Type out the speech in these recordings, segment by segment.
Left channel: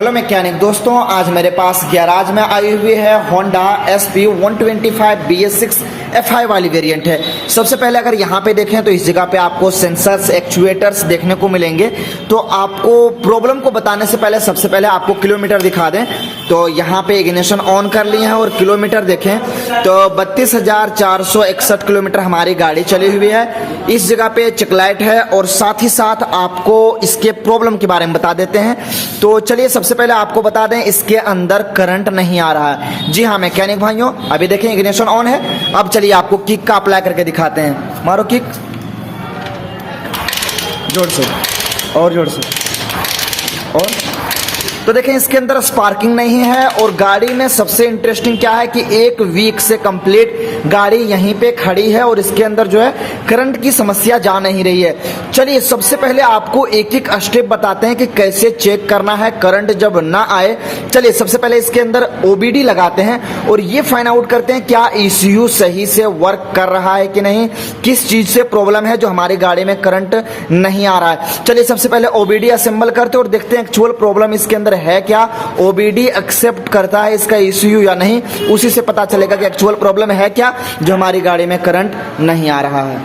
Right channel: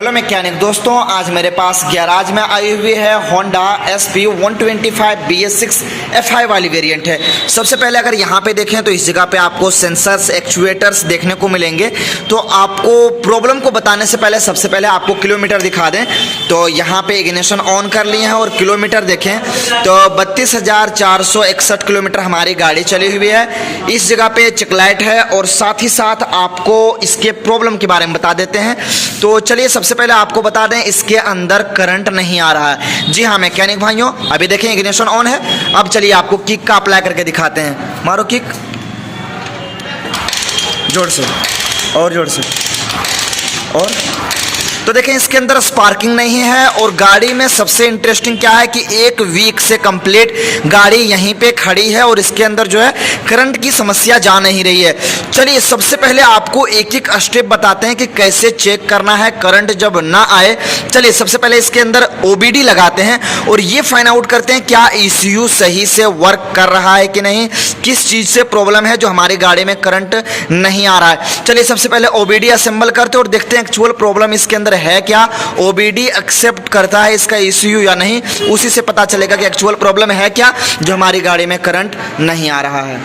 Hello mechanic दोस्तों, आज मेरे पास गैराज में आई हुई है होंडा SP 125 BS6 FI वाली वेरिएंट है। सबसे पहले अगर यहाँ पे देखें तो इस जगह पे आपको सेंसर्स एक्चुएटर्स देखने को मिलेंगे। तो आपको प्रॉब्लम को बताने से पहले सबसे पहले आपको किलोमीटर दिखा दें। तो यहाँ पे इग्निशन ऑन कर लिए हैं और किलोमीटर देखें तो 32,461 किलोमीटर हमारी गाड़ी चली हुई है। इस जगह पे चेकलाइट है और साथ ही साथ आपको इसके प्रॉब्लम के बारे में बता देते हैं। तो चलिए सबसे पहले आपको बता दें, इसके अंदर करंट नहीं आ रहा है। जी हाँ मैकेनिक भाइयों, अभी देखें इग्निशन ऑन है। अब चलिए आपको किक का अप्लाई करके दिखाते हैं। मारो किक, जोर से और जोर से। और तो देखें इसके अंदर स्पार्किंग नहीं है। और गाड़ी में सबसे इंटरेस्टिंग क्या है कि 1 वीक से कंप्लीट गाड़ी यहीं पे खड़ी है और इसके अंदर जो है करंट की समस्या जा नहीं रही है। चलिए सबसे पहले आपको एक एक स्टेप बताते हैं कि कैसे चेक करना है करंट जब ना आए। चलिए सबसे पहले इसके अंदर OBD लगाते हैं और ये फाइंड आउट करते हैं क्या ECU सही से वर्क कर रहा है कि नहीं, किस चीज़ से प्रॉब्लम है जो हमारी गाड़ी में करंट नहीं आ रहा है। चलिए सबसे पहले OBD असेंबल करते हैं और देखते हैं एक्चुअल प्रॉब्लम इसके अंदर है क्या, OBD एक्सेप्ट करता है इसका ECU या नहीं। उसी से पता चलेगा कि एक्चुअल प्रॉब्लम है क्या जो हमारी गाड़ी में करंट नहीं आ रहा है।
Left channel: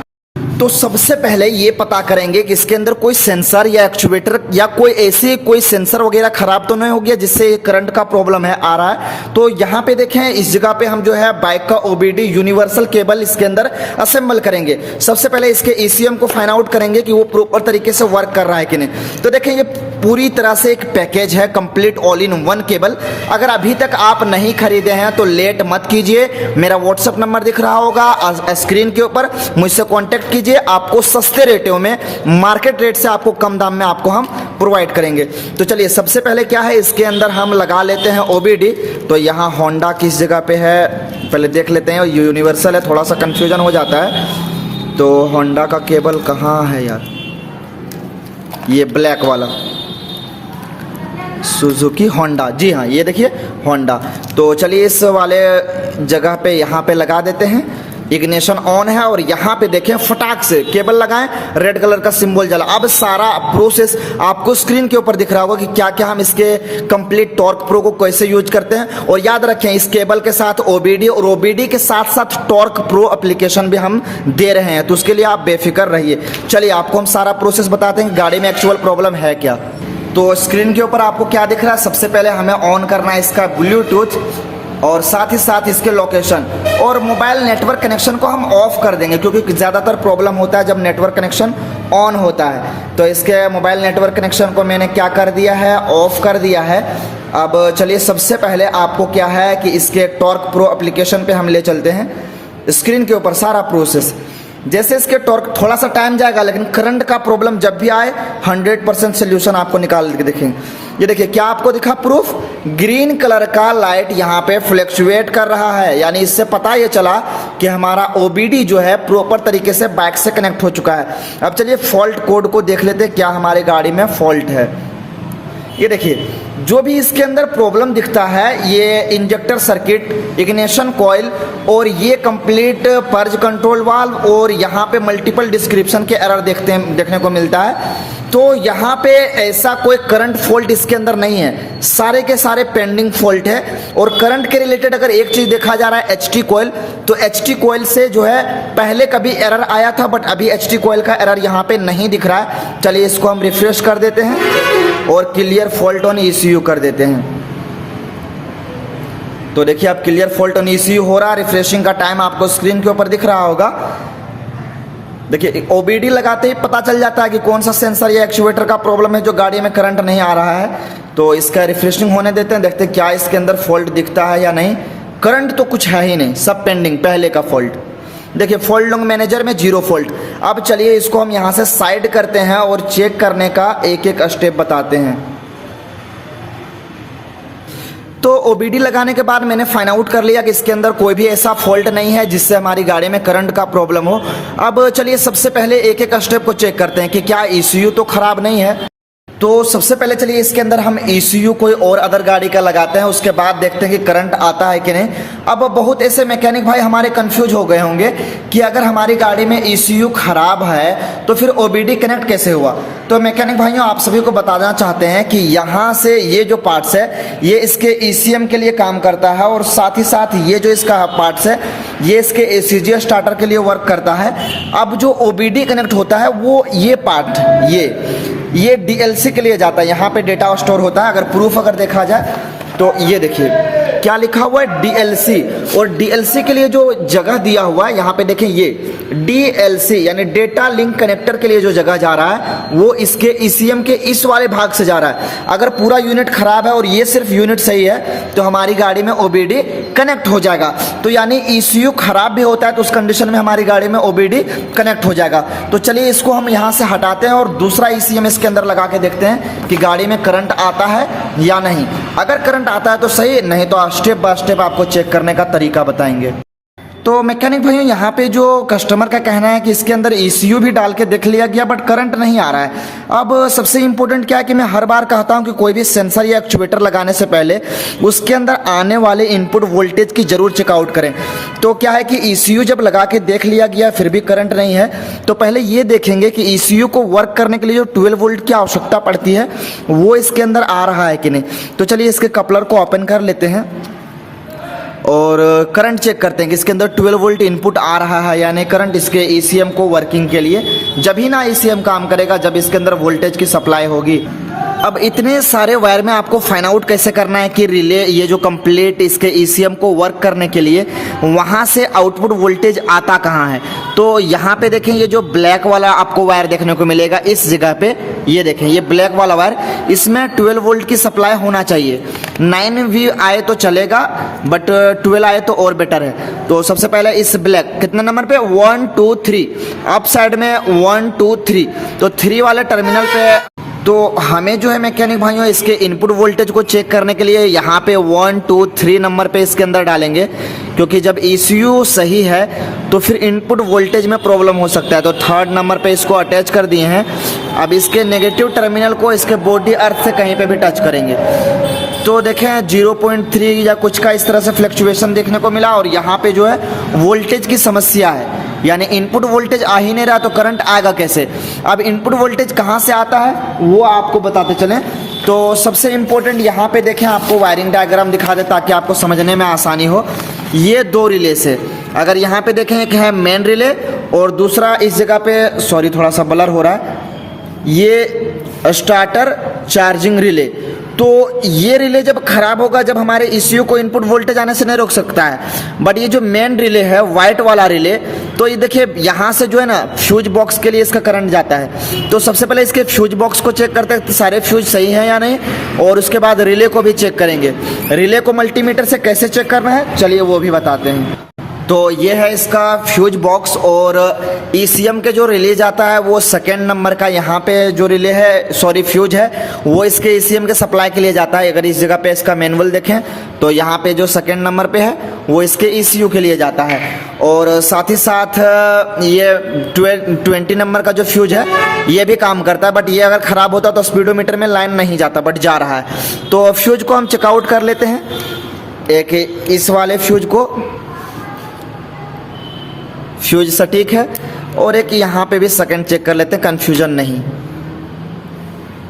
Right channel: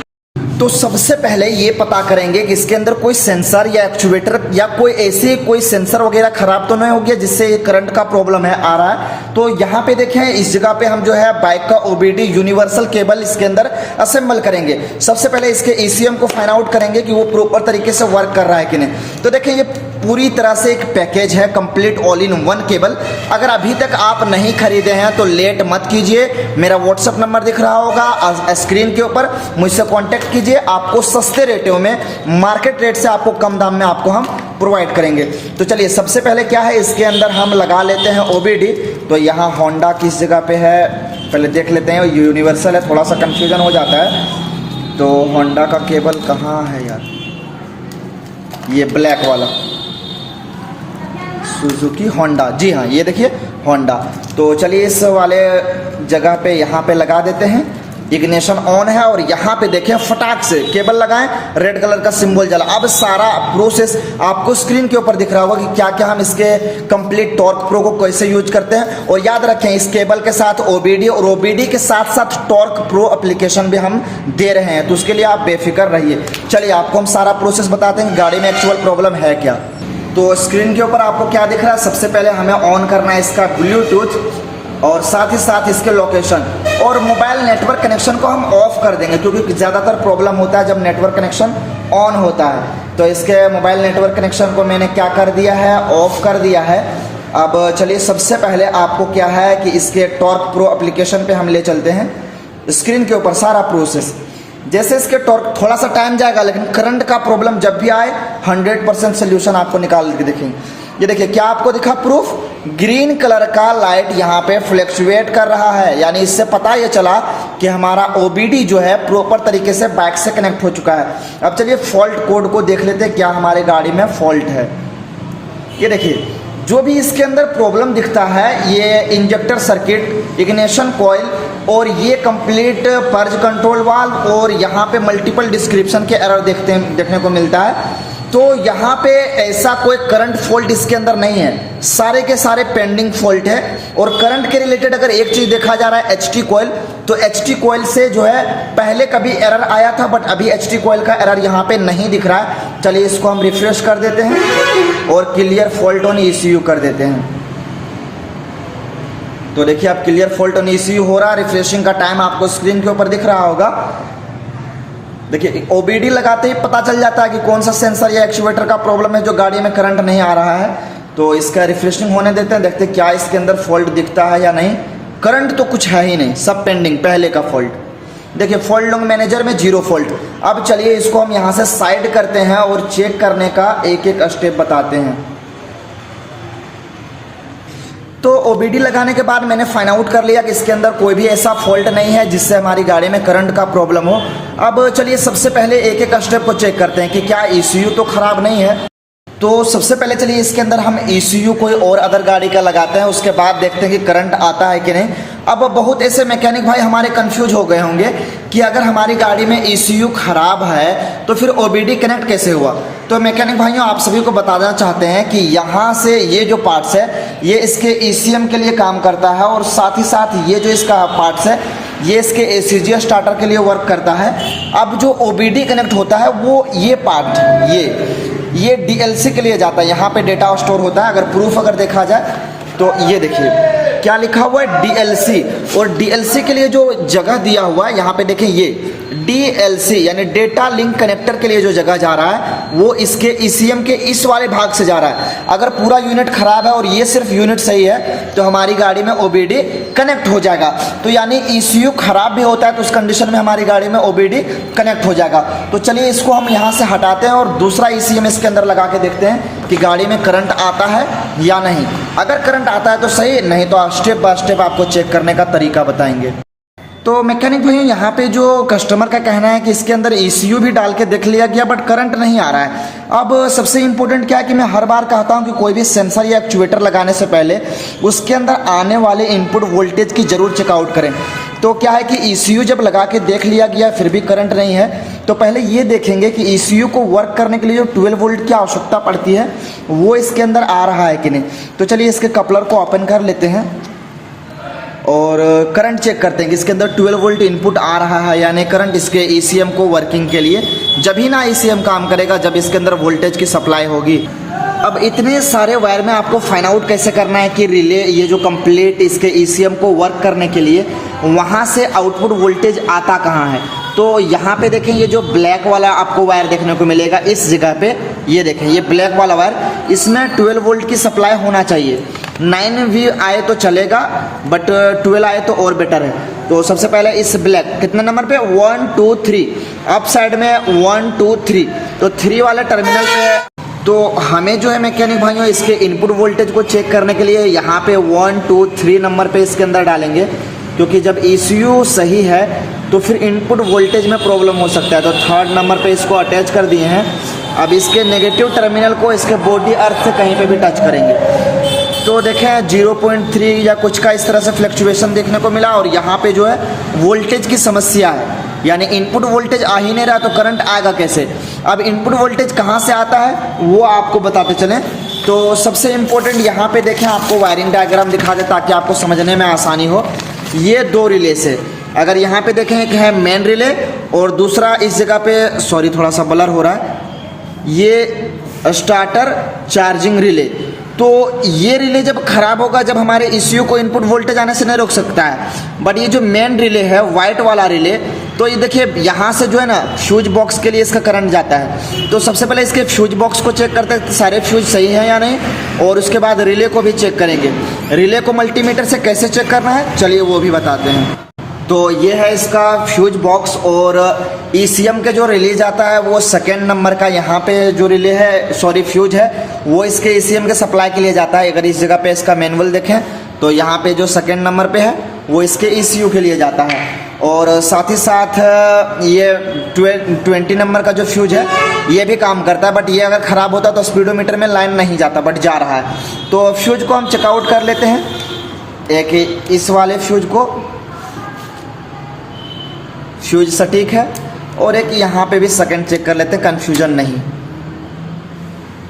तो सबसे पहले ये पता करेंगे कि इसके अंदर कोई सेंसर या एक्चुएटर या कोई सेंसर वगैरह खराब तो नहीं हो गया जिससे करंट का प्रॉब्लम है आ रहा है। तो यहाँ पे देखें इस जगह पे हम जो है बाइक का OBD यूनिवर्सल केबल इसके अंदर असेंबल करेंगे। सबसे पहले इसके ECM को फाइंड आउट करेंगे कि वो प्रॉपर तरीके से वर्क कर रहा है कि नहीं। तो देखें ये पूरी तरह से एक पैकेज है, complete all in one cable. अगर अभी तक आप नहीं खरीदे हैं तो लेट मत कीजिए, मेरा WhatsApp नंबर दिख रहा होगा स्क्रीन के ऊपर, मुझसे कॉन्टेक्ट कीजिए। आपको सस्ते रेटों में, मार्केट रेट से आपको कम दाम में आपको हम प्रोवाइड करेंगे। तो चलिए सबसे पहले क्या है इसके अंदर हम लगा लेते हैं OBD। तो यहाँ होंडा किस जगह पे है पहले देख लेते हैं। यूनिवर्सल है, थोड़ा सा कंफ्यूजन हो जाता है। तो होंडा का केबल कहाँ है यार, ये ब्लैक वाला सुजुकी होंडा। जी हाँ ये देखिए होंडा। तो चलिए इस वाले जगह पे यहाँ पे लगा देते हैं। इग्निशन ऑन है और यहाँ पे देखें फटाक से केबल लगाएं, रेड कलर का सिंबल जला। अब सारा प्रोसेस आपको स्क्रीन के ऊपर दिख रहा होगा कि क्या क्या हम इसके कंप्लीट टॉर्क प्रो को कैसे यूज करते हैं। और याद रखें इस केबल के साथ OBD और OBD के साथ साथ टॉर्क प्रो एप्लीकेशन भी हम दे रहे हैं, तो उसके लिए आप बेफिक्र रहिए। चलिए आपको हम सारा प्रोसेस बताते हैं गाड़ी में एक्चुअल प्रॉब्लम है क्या। तो स्क्रीन के ऊपर आपको क्या दिख रहा है, सबसे पहले हमें ऑन करना है इसका ब्लूटूथ और साथ ही साथ इसके लोकेशन और मोबाइल नेटवर्क कनेक्शन को हम ऑफ कर देंगे क्योंकि ज़्यादातर प्रॉब्लम होता है जब नेटवर्क कनेक्शन ऑन होता है। तो इसके मोबाइल नेटवर्क कनेक्शन को मैंने क्या कर दिया है, ऑफ कर दिया है। अब चलिए सबसे पहले आपको क्या है कि इसके टॉर्क प्रो एप्लीकेशन पे हम ले चलते हैं। स्क्रीन के ऊपर सारा प्रोसेस, जैसे इसके टॉर्क थोड़ा सा टाइम जाएगा लेकिन करंट का प्रॉब्लम जब भी आए 100% सोल्यूशन आपको निकाल के देखेंगे। ये देखिए क्या आपको दिखा प्रूफ, ग्रीन कलर का लाइट यहाँ पे फ्लक्चुएट कर रहा है, यानी इससे पता ये चला कि हमारा OBD जो है प्रॉपर तरीके से बाइक से कनेक्ट हो चुका है। अब चलिए फॉल्ट कोड को देख लेते हैं क्या हमारी गाड़ी में फॉल्ट है। ये देखिए जो भी इसके अंदर प्रॉब्लम दिखता है ये इंजेक्टर सर्किट, इग्निशन कॉइल और ये कंप्लीट पर्ज कंट्रोल वाल्व और यहाँ पे मल्टीपल डिस्क्रिप्शन के एरर देखने को मिलता है। तो यहाँ पे ऐसा कोई करंट फॉल्ट इसके अंदर नहीं है, सारे के सारे पेंडिंग फॉल्ट है। और करंट के रिलेटेड अगर एक चीज देखा जा रहा है HT कॉइल, तो HT कॉइल से जो है पहले कभी एरर आया था बट अभी HT कॉइल का एरर यहाँ पे नहीं दिख रहा है। चलिए इसको हम रिफ्रेश कर देते हैं और क्लियर फॉल्ट ऑन ECU कर देते हैं। तो देखिए अब क्लियर फॉल्ट ऑन ECU हो रहा है। रिफ्रेशिंग का टाइम आपको स्क्रीन के ऊपर दिख रहा होगा। देखिए OBD लगाते ही पता चल जाता है कि कौन सा सेंसर या एक्चुएटर का प्रॉब्लम है जो गाड़ी में करंट नहीं आ रहा है। तो इसका रिफ्रेशिंग होने देते हैं, देखते हैं क्या इसके अंदर फॉल्ट दिखता है या नहीं। करंट तो कुछ है ही नहीं, सब पेंडिंग पहले का फॉल्ट। देखिए फॉल्ट लॉग मैनेजर में 0 फॉल्ट। अब चलिए इसको हम यहाँ से साइड करते हैं और चेक करने का एक एक स्टेप बताते हैं। तो OBD लगाने के बाद मैंने फाइंड आउट कर लिया कि इसके अंदर कोई भी ऐसा फॉल्ट नहीं है जिससे हमारी गाड़ी में करंट का प्रॉब्लम हो। अब चलिए सबसे पहले एक एक स्टेप को चेक करते हैं कि क्या ECU तो खराब नहीं है। तो सबसे पहले चलिए इसके अंदर हम ECU कोई और अदर गाड़ी का लगाते हैं, उसके बाद देखते हैं कि करंट आता है कि नहीं। अब बहुत ऐसे मैकेनिक भाई हमारे कंफ्यूज हो गए होंगे कि अगर हमारी गाड़ी में ECU खराब है तो फिर OBD कनेक्ट कैसे हुआ। तो मैकेनिक भाइयों आप सभी को बताना चाहते हैं कि यहाँ से ये जो पार्ट्स है ये इसके ECM के लिए काम करता है, और साथ ही साथ ये जो इसका पार्ट्स है ये इसके ACG स्टार्टर के लिए वर्क करता है। अब जो OBD कनेक्ट होता है वो ये पार्ट ये DLC के लिए जाता है, यहाँ पे डेटा स्टोर होता है। अगर प्रूफ अगर देखा जाए तो ये देखिए क्या लिखा हुआ है DLC, और DLC के लिए जो जगह दिया हुआ है यहाँ पे देखिए ये DLC यानी डेटा लिंक कनेक्टर के लिए जो जगह जा रहा है वो इसके ECM के इस वाले भाग से जा रहा है। अगर पूरा यूनिट खराब है और ये सिर्फ यूनिट सही है तो हमारी गाड़ी में OBD कनेक्ट हो जाएगा। तो यानी ECU खराब भी होता है तो उस कंडीशन में हमारी गाड़ी में OBD कनेक्ट हो जाएगा। तो चलिए इसको हम यहाँ से हटाते हैं और दूसरा ECM इसके अंदर लगा के देखते हैं कि गाड़ी में करंट आता है या नहीं। अगर करंट आता है तो सही, नहीं तो स्टेप बाय स्टेप आपको चेक करने का तरीका बताएंगे। तो मैकेनिक भैया यहाँ पे जो कस्टमर का कहना है कि इसके अंदर ECU भी डाल के देख लिया गया बट करंट नहीं आ रहा है। अब सबसे इम्पोर्टेंट क्या है कि मैं हर बार कहता हूँ कि कोई भी सेंसर या एक्चुएटर लगाने से पहले उसके अंदर आने वाले इनपुट वोल्टेज की जरूर चेकआउट करें। तो क्या है कि ECU जब लगा के देख लिया गया फिर भी करंट नहीं है तो पहले ये देखेंगे कि ECU को वर्क करने के लिए जो 12 वोल्ट की आवश्यकता पड़ती है वो इसके अंदर आ रहा है कि नहीं। तो चलिए इसके कपलर को ओपन कर लेते हैं और करंट चेक करते हैं कि इसके अंदर 12 वोल्ट इनपुट आ रहा है या नहीं करंट इसके ECM को वर्किंग के लिए। जब ही ना ECM काम करेगा जब इसके अंदर वोल्टेज की सप्लाई होगी। अब इतने सारे वायर में आपको फाइंड आउट कैसे करना है कि रिले ये जो कंप्लीट इसके ECM को वर्क करने के लिए वहाँ से आउटपुट वोल्टेज आता कहाँ है। तो यहाँ पे देखें ये जो ब्लैक वाला आपको वायर देखने को मिलेगा इस जगह पे, ये देखें ये ब्लैक वाला वायर, इसमें 12 वोल्ट की सप्लाई होना चाहिए। 9 भी आए तो चलेगा बट 12 आए तो और बेटर है। तो सबसे पहले इस ब्लैक कितने नंबर पे 1 2 3 अप साइड में 1 2 3 तो 3 वाले टर्मिनल पे तो हमें जो है मैकेनिक भाइयों इसके इनपुट वोल्टेज को चेक करने के लिए यहाँ पे 1 2 3 नंबर पे इसके अंदर डालेंगे, क्योंकि जब ECU सही है तो फिर इनपुट वोल्टेज में प्रॉब्लम हो सकता है। तो 3rd नंबर पे इसको अटैच कर दिए हैं। अब इसके नेगेटिव टर्मिनल को इसके बॉडी अर्थ से कहीं पे भी टच करेंगे तो देखें 0.3 या कुछ का इस तरह से फ्लक्चुएशन देखने को मिला, और यहाँ पे जो है वोल्टेज की समस्या है, यानी इनपुट वोल्टेज आ ही नहीं रहा तो करंट आएगा कैसे। अब इनपुट वोल्टेज कहाँ से आता है वो आपको बताते चलें। तो सबसे इम्पोर्टेंट यहाँ पे देखें, आपको वायरिंग डायग्राम दिखा दे ताकि आपको समझने में आसानी हो। ये 2 रिले से, अगर यहाँ पे देखें कि है मेन रिले और दूसरा इस जगह पे, सॉरी थोड़ा सा ब्लर हो रहा है, ये स्टार्टर चार्जिंग रिले। तो ये रिले जब खराब होगा जब हमारे ECU को इनपुट वोल्टेज आने से नहीं रोक सकता है। बट ये जो मेन रिले है वाइट वाला रिले, तो ये देखिए यहाँ से जो है ना फ्यूज बॉक्स के लिए इसका करंट जाता है। तो सबसे पहले इसके फ्यूज बॉक्स को चेक करते हैं कि सारे फ्यूज सही हैं या नहीं, और उसके बाद रिले को भी चेक करेंगे। रिले को मल्टीमीटर से कैसे चेक करना है चलिए वो भी बताते हैं। तो ये है इसका फ्यूज बॉक्स, और ECM के जो रिले जाता है वो 2nd नंबर का यहाँ पे जो रिले है, सॉरी फ्यूज है, वो इसके ECM के सप्लाई के लिए जाता है। अगर इस जगह पे इसका मैनुअल देखें तो यहाँ पे जो 2nd नंबर पे है वो इसके ECU के लिए जाता है। और साथ ही साथ ये 20 नंबर का जो फ्यूज है ये भी काम करता है, बट ये अगर ख़राब होता तो स्पीडोमीटर में लाइन नहीं जाता बट जा रहा है। तो फ्यूज को हम चेकआउट कर लेते हैं। एक इस वाले फ्यूज को, फ्यूज सटीक है, और एक यहाँ पे भी 2nd चेक कर लेते हैं कंफ्यूजन नहीं।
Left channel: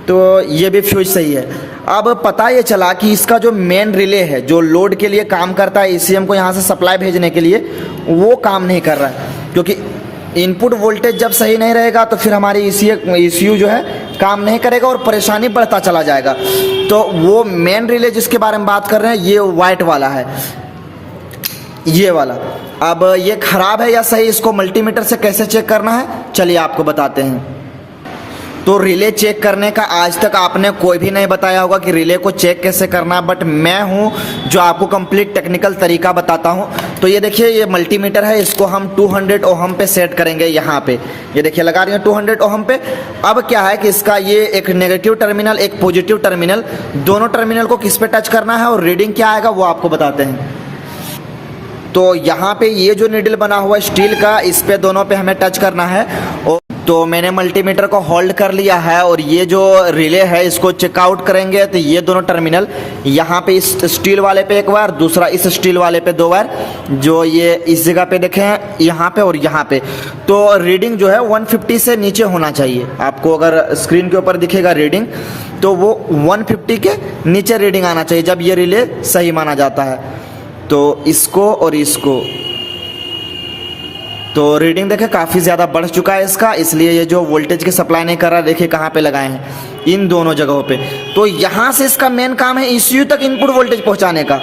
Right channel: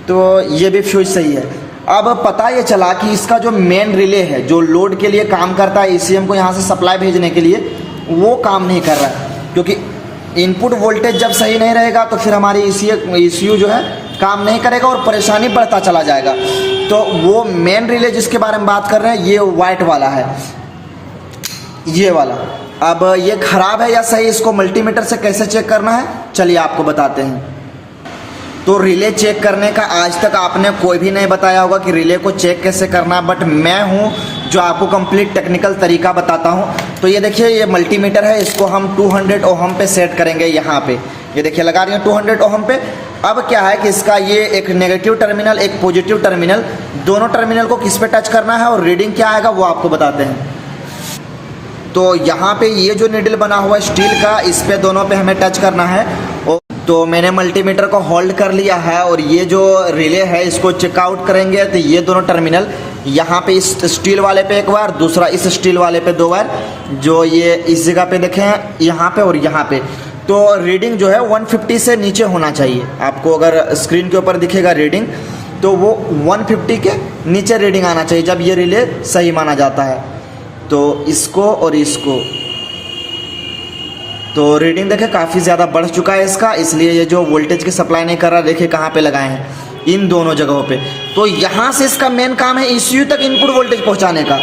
तो ये भी फ्यूज सही है। अब पता ये चला कि इसका जो मेन रिले है जो लोड के लिए काम करता है ECM को यहाँ से सप्लाई भेजने के लिए, वो काम नहीं कर रहा है, क्योंकि इनपुट वोल्टेज जब सही नहीं रहेगा तो फिर हमारी ECU जो है काम नहीं करेगा और परेशानी बढ़ता चला जाएगा। तो वो मेन रिले जिसके बारे में बात कर रहे हैं ये वाइट वाला है, ये वाला। अब ये खराब है या सही, इसको मल्टीमीटर से कैसे चेक करना है चलिए आपको बताते हैं। तो रिले चेक करने का आज तक आपने कोई भी नहीं बताया होगा कि रिले को चेक कैसे करना, बट मैं हूं जो आपको कंप्लीट टेक्निकल तरीका बताता हूं। तो ये देखिए ये मल्टीमीटर है, इसको हम 200 ओहम पे सेट करेंगे। यहाँ पे ये देखिए लगा रही है 200 ओहम पे। अब क्या है कि इसका ये एक नेगेटिव टर्मिनल एक पॉजिटिव टर्मिनल, दोनों टर्मिनल को किस पे टच करना है और रीडिंग क्या आएगा वो आपको बताते हैं। तो यहाँ पे ये जो नीडल बना हुआ है स्टील का, इस पे दोनों पे हमें टच करना है। और तो मैंने मल्टीमीटर को होल्ड कर लिया है और ये जो रिले है इसको चेकआउट करेंगे। तो ये दोनों टर्मिनल यहाँ पे इस स्टील वाले पे एक बार, दूसरा इस स्टील वाले पे दो बार, जो ये इस जगह पे देखें यहाँ पे और यहाँ पे। तो रीडिंग जो है 150 से नीचे होना चाहिए। आपको अगर स्क्रीन के ऊपर दिखेगा रीडिंग तो वो 150 के नीचे रीडिंग आना चाहिए जब ये रिले सही माना जाता है। तो इसको और इसको तो रीडिंग देखें काफ़ी ज़्यादा बढ़ चुका है इसका, इसलिए ये जो वोल्टेज की सप्लाई नहीं कर रहा, देखिए कहाँ पे लगाए हैं, इन दोनों जगहों पे। तो यहाँ से इसका मेन काम है ECU तक इनपुट वोल्टेज पहुँचाने का।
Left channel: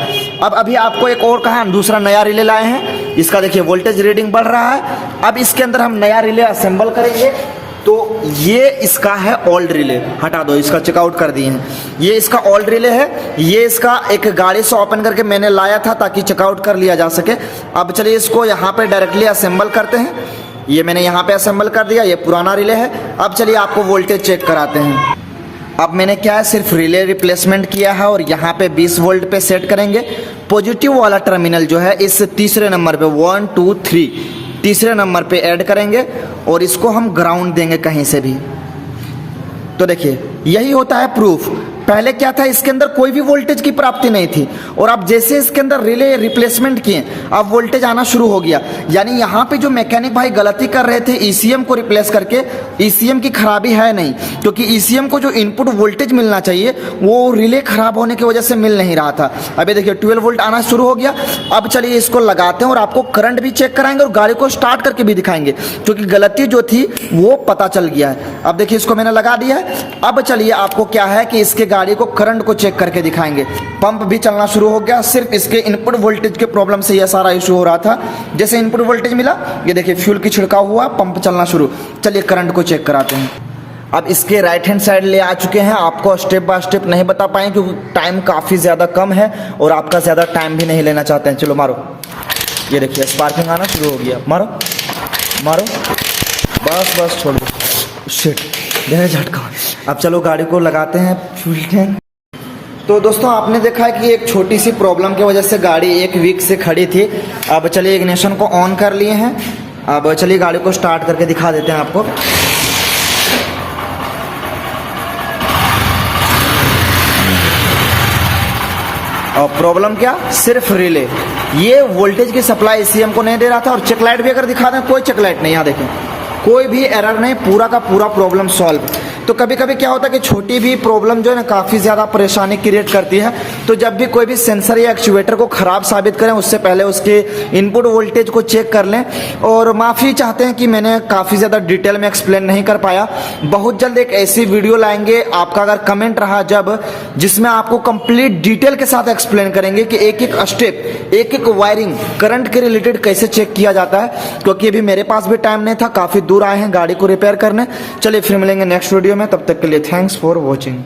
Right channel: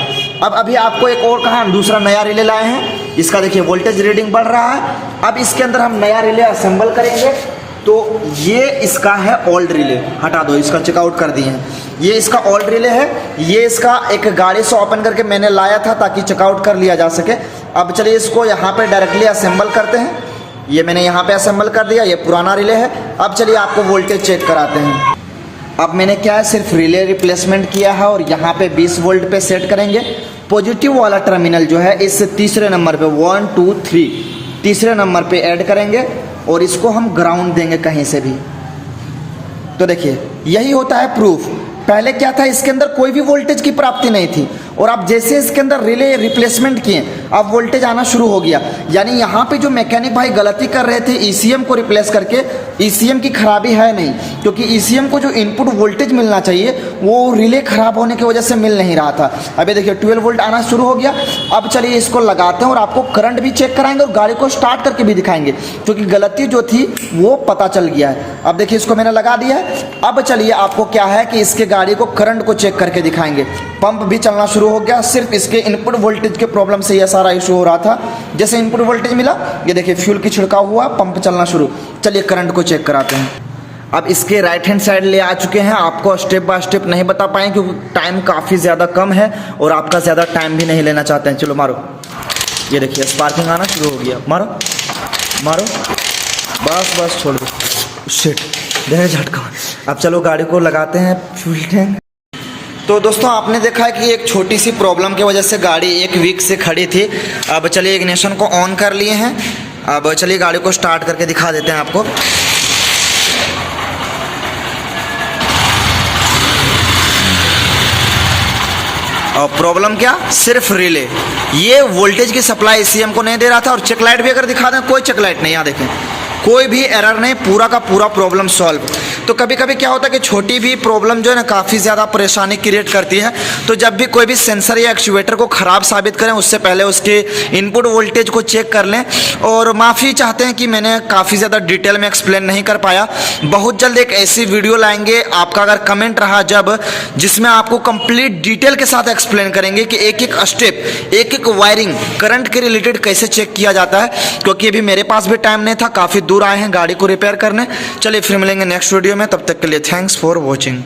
अब अभी आपको एक और कहा, हम दूसरा नया रिले लाए हैं, इसका देखिए वोल्टेज रीडिंग बढ़ रहा है। अब इसके अंदर हम नया रिले असेंबल करेंगे। तो ये इसका है ओल्ड रिले, हटा दो, इसका चेकआउट कर दिए हैं। ये इसका ओल्ड रिले है, ये इसका एक गाड़ी से ओपन करके मैंने लाया था ताकि चेकआउट कर लिया जा सके। अब चलिए इसको यहाँ पे डायरेक्टली असेंबल करते हैं। ये मैंने यहाँ पे असेंबल कर दिया, ये पुराना रिले है। अब चलिए आपको वोल्टेज चेक कराते हैं। अब मैंने क्या है, सिर्फ रिले रिप्लेसमेंट किया है और यहाँ पे 20 वोल्ट पे सेट करेंगे। पॉजिटिव वाला टर्मिनल जो है इस तीसरे नंबर पे 1 2 3 तीसरे नंबर पे ऐड करेंगे और इसको हम ग्राउंड देंगे कहीं से भी। तो देखिए यही होता है प्रूफ। पहले क्या था, इसके अंदर कोई भी वोल्टेज की प्राप्ति नहीं थी और अब जैसे इसके अंदर रिले रिप्लेसमेंट किए अब वोल्टेज आना शुरू हो गया। यानी यहाँ पे जो मैकेनिक भाई गलती कर रहे थे ECM को रिप्लेस करके, ECM की खराबी है नहीं, क्योंकि ECM को जो इनपुट वोल्टेज मिलना चाहिए वो रिले खराब होने की वजह से मिल नहीं रहा था। अभी देखिए 12 वोल्ट आना शुरू हो गया। अब चलिए इसको लगाते हैं और आपको करंट भी चेक कराएंगे और गाड़ी को स्टार्ट करके भी दिखाएंगे, क्योंकि गलती जो थी वो पता चल गया है। अब देखिए इसको मैंने लगा दिया है। अब चलिए आपको क्या है कि इसके गाड़ी को करंट को चेक करके दिखाएंगे। पंप भी चलना शुरू हो गया, सिर्फ इसके इनपुट वोल्टेज के प्रॉब्लम से यह सारा इशू हो रहा था। जैसे इनपुट वोल्टेज मिला, ये देखिए फ्यूल की छिड़काव हुआ, पंप चलना शुरू। चलिए करंट को चेक कराते हैं। अब इसके राइट हैंड साइड ले आ चुके हैं। आपको स्टेप बाय स्टेप नहीं बता पाएंगे क्योंकि टाइम काफ़ी ज़्यादा कम है और आपका ज़्यादा टाइम भी नहीं लेना चाहते हैं। चलो मारो, ये देखिए स्पार्किंग आना शुरू हो गया। मारो मारो, बस बस छोड़ दो। शिट, देने झटका। अब चलो गाड़ी को लगाते हैं फ्यूल टैंक। तो दोस्तों आपने देखा है कि एक छोटी सी प्रॉब्लम की वजह से गाड़ी एक वीक से खड़ी थी। अब चलिए इग्निशन को ऑन कर लिए हैं। अब चलिए गाड़ी को स्टार्ट करके दिखा देते हैं आपको। और प्रॉब्लम क्या, सिर्फ रिले, ये वोल्टेज की सप्लाई ECM को नहीं दे रहा था। और चेक लाइट भी अगर दिखा दें, कोई चेक लाइट नहीं, यहाँ देखें कोई भी एरर नहीं, पूरा का पूरा प्रॉब्लम सॉल्व। तो कभी कभी क्या होता है कि छोटी भी प्रॉब्लम जो है ना काफ़ी ज़्यादा परेशानी क्रिएट करती है। तो जब भी कोई भी सेंसर या एक्चुएटर को ख़राब साबित करें उससे पहले उसके इनपुट वोल्टेज को चेक कर लें। और माफ़ी चाहते हैं कि मैंने काफ़ी ज़्यादा डिटेल में एक्सप्लेन नहीं कर पाया। बहुत जल्द एक ऐसी वीडियो लाएंगे, आपका अगर कमेंट रहा जब, जिसमें आपको कंप्लीट डिटेल के साथ एक्सप्लेन करेंगे कि एक एक स्टेप, एक एक वायरिंग करंट के रिलेटेड कैसे चेक किया जाता है। क्योंकि अभी मेरे पास भी टाइम नहीं था, काफ़ी दूर आए हैं गाड़ी को रिपेयर करने। चलिए फिर मिलेंगे नेक्स्ट वीडियो में, तब तक के लिए थैंक्स फॉर वॉचिंग।